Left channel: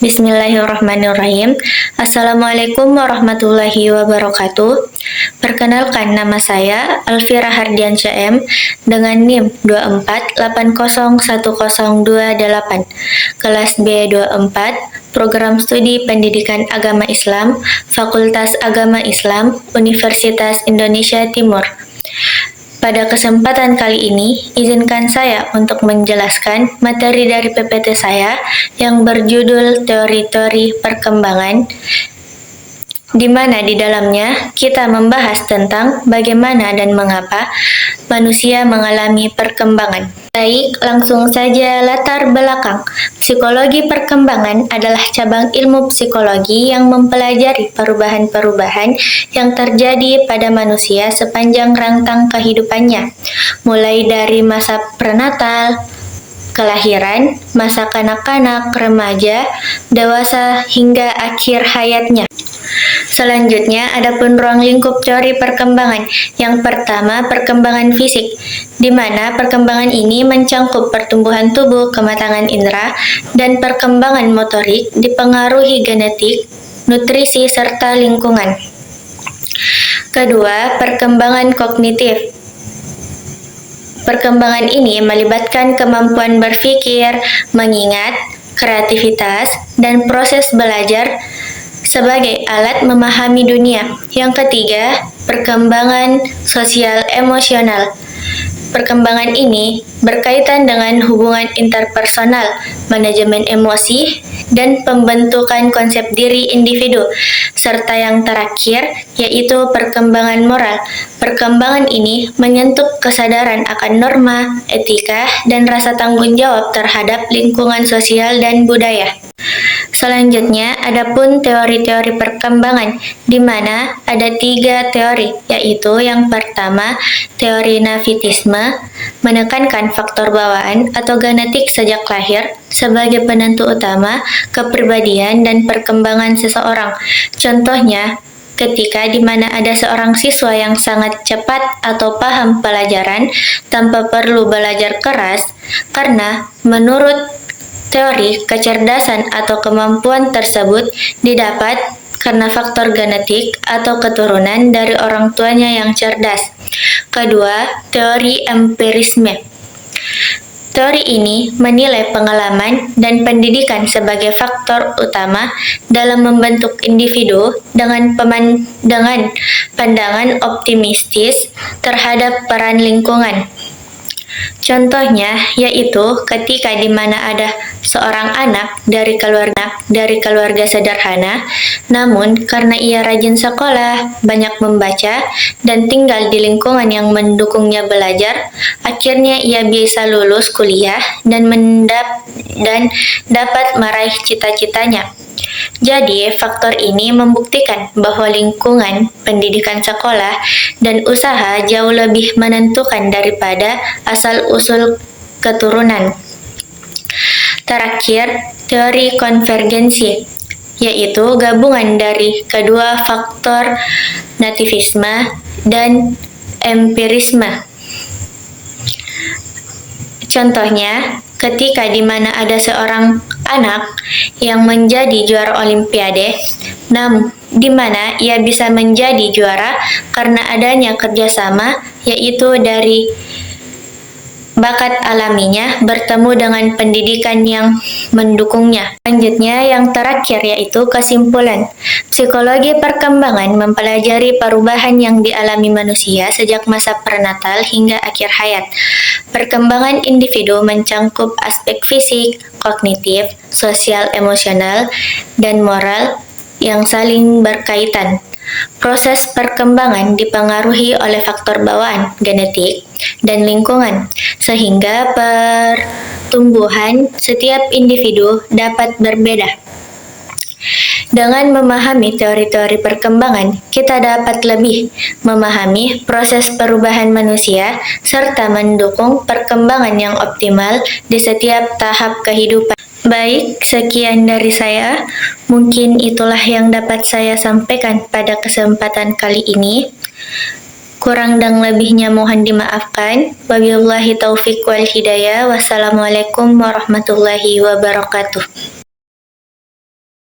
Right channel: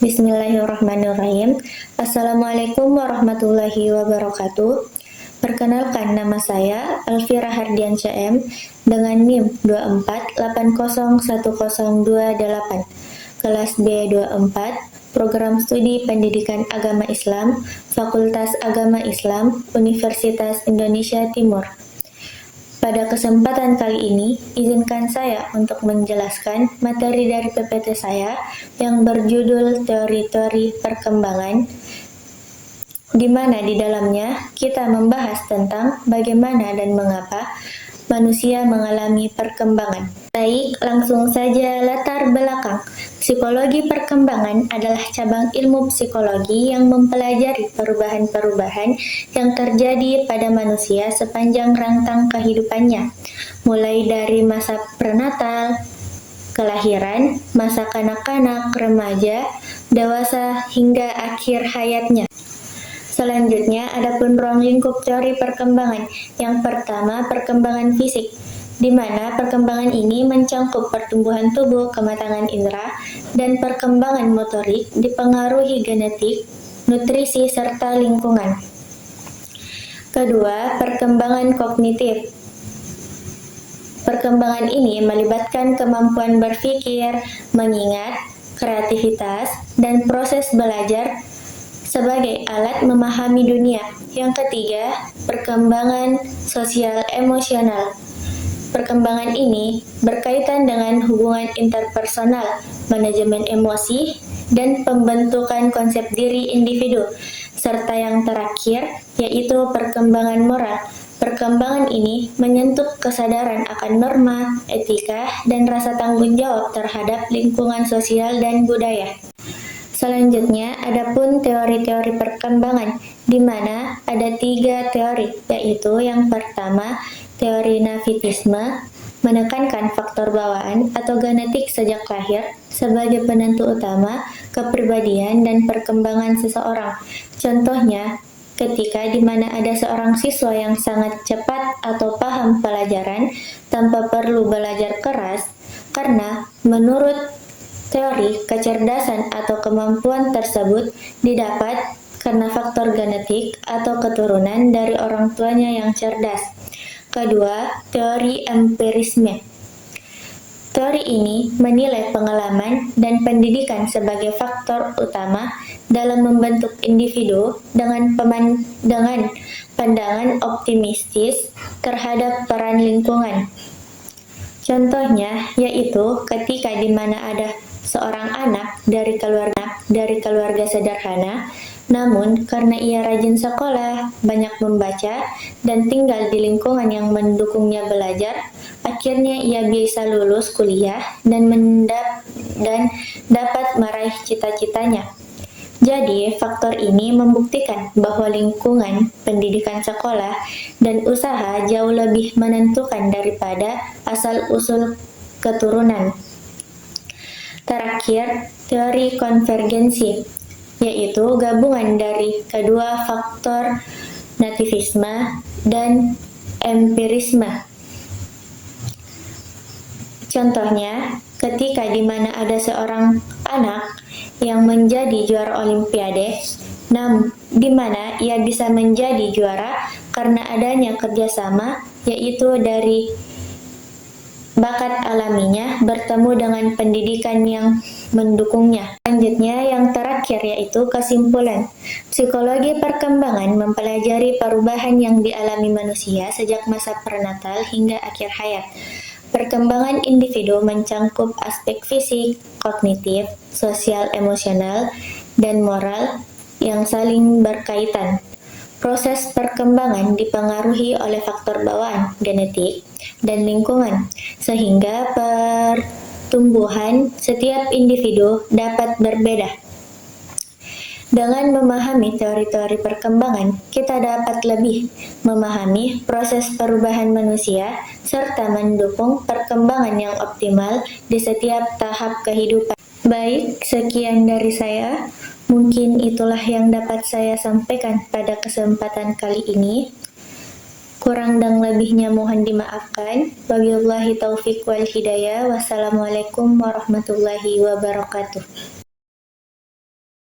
Bismillahirrahmanirrahim. Assalamualaikum warahmatullahi wabarakatuh. Perkenalkan, nama saya Alfira Hardiansyah M dengan NIM 24801028, kelas B24, Program Studi Pendidikan Agama Islam, Fakultas Agama Islam, Universitas Indonesia Timur. Pada kesempatan kali ini, izinkan saya untuk menjelaskan materi dari PPT saya yang berjudul Teori-teori Perkembangan, di mana di dalamnya kita membahas tentang bagaimana dan mengapa manusia mengalami perkembangan. Baik, langsung saja latar belakang. Psikologi perkembangan adalah cabang ilmu psikologi yang mempelajari perubahan-perubahan yang terjadi pada manusia sepanjang rentang kehidupannya, mulai dari masa prenatal, kelahiran, masa kanak-kanak, remaja, dewasa, hingga akhir hayatnya. Selanjutnya, adapun ruang lingkup teori perkembangan. Yang pertama, perkembangan fisik, di mana perkembangan ini mencangkup pertumbuhan tubuh, kematangan indera, dan perkembangan motorik dipengaruhi genetik, nutrisi, serta lingkungan. Kedua, perkembangan kognitif. Perkembangan ini melibatkan kemampuan berpikir, mengingat, kreativitas, dan proses belajar sebagai alat memahami dunia. Yang ketiga, perkembangan sosial emosional. Perkembangan ini berkaitan dengan hubungan interpersonal, manajemen emosi, dan pembentukan konsep diri individu. Serta yang terakhir, yaitu perkembangan moral. Perkembangan ini menyentuh kesadaran akan norma, etika, dan rasa tanggung jawab terhadap lingkungan sosial dan budaya. Selanjutnya, adapun teori-teori perkembangan, di mana ada 3 teori, yaitu yang pertama, teori Navitisme, menekankan faktor bawaan atau genetik sejak lahir sebagai penentu utama kepribadian dan perkembangan seseorang. Contohnya, ketika di mana ada seorang siswa yang sangat cepat atau paham pelajaran tanpa perlu belajar keras, karena menurut teori, kecerdasan atau kemampuan tersebut didapat karena faktor genetik atau keturunan dari orang tuanya yang cerdas. Kedua, teori empirisme. Teori ini menilai pengalaman dan pendidikan sebagai faktor utama dalam membentuk individu dengan pandangan optimistis terhadap peran lingkungan. Contohnya yaitu ketika di mana ada seorang anak dari keluarga sederhana, namun karena ia rajin sekolah, banyak membaca, dan tinggal di lingkungan yang mendukungnya belajar, akhirnya ia bisa lulus kuliah dan dapat meraih cita-citanya. Jadi, faktor ini membuktikan bahwa lingkungan, pendidikan sekolah, dan usaha jauh lebih menentukan daripada asal-usul keturunan. Terakhir, teori konvergensi, yaitu gabungan dari kedua faktor nativisme dan empirisme. Contohnya, ketika di mana ada seorang anak yang menjadi juara olimpiade, namun di mana ia bisa menjadi juara karena adanya kerjasama, yaitu dari bakat alaminya bertemu dengan pendidikan yang mendukungnya. Selanjutnya, yang terakhir yaitu kesimpulan. Psikologi perkembangan mempelajari perubahan yang dialami manusia sejak masa prenatal hingga akhir hayat. Perkembangan individu mencangkup aspek fisik, kognitif, sosial emosional, dan moral yang saling berkaitan. Proses perkembangan dipengaruhi oleh faktor bawaan, genetik, dan lingkungan, sehingga pertumbuhan setiap individu dapat berbeda. Dengan memahami teori-teori perkembangan, kita dapat lebih memahami proses perubahan manusia serta mendukung perkembangan yang optimal di setiap tahap kehidupan. Baik, sekian dari saya. Mungkin itulah yang dapat saya sampaikan pada kesempatan kali ini. Kurang dan lebihnya mohon dimaafkan. Wabillahi taufiq wal hidayah. Wassalamualaikum warahmatullahi wabarakatuh.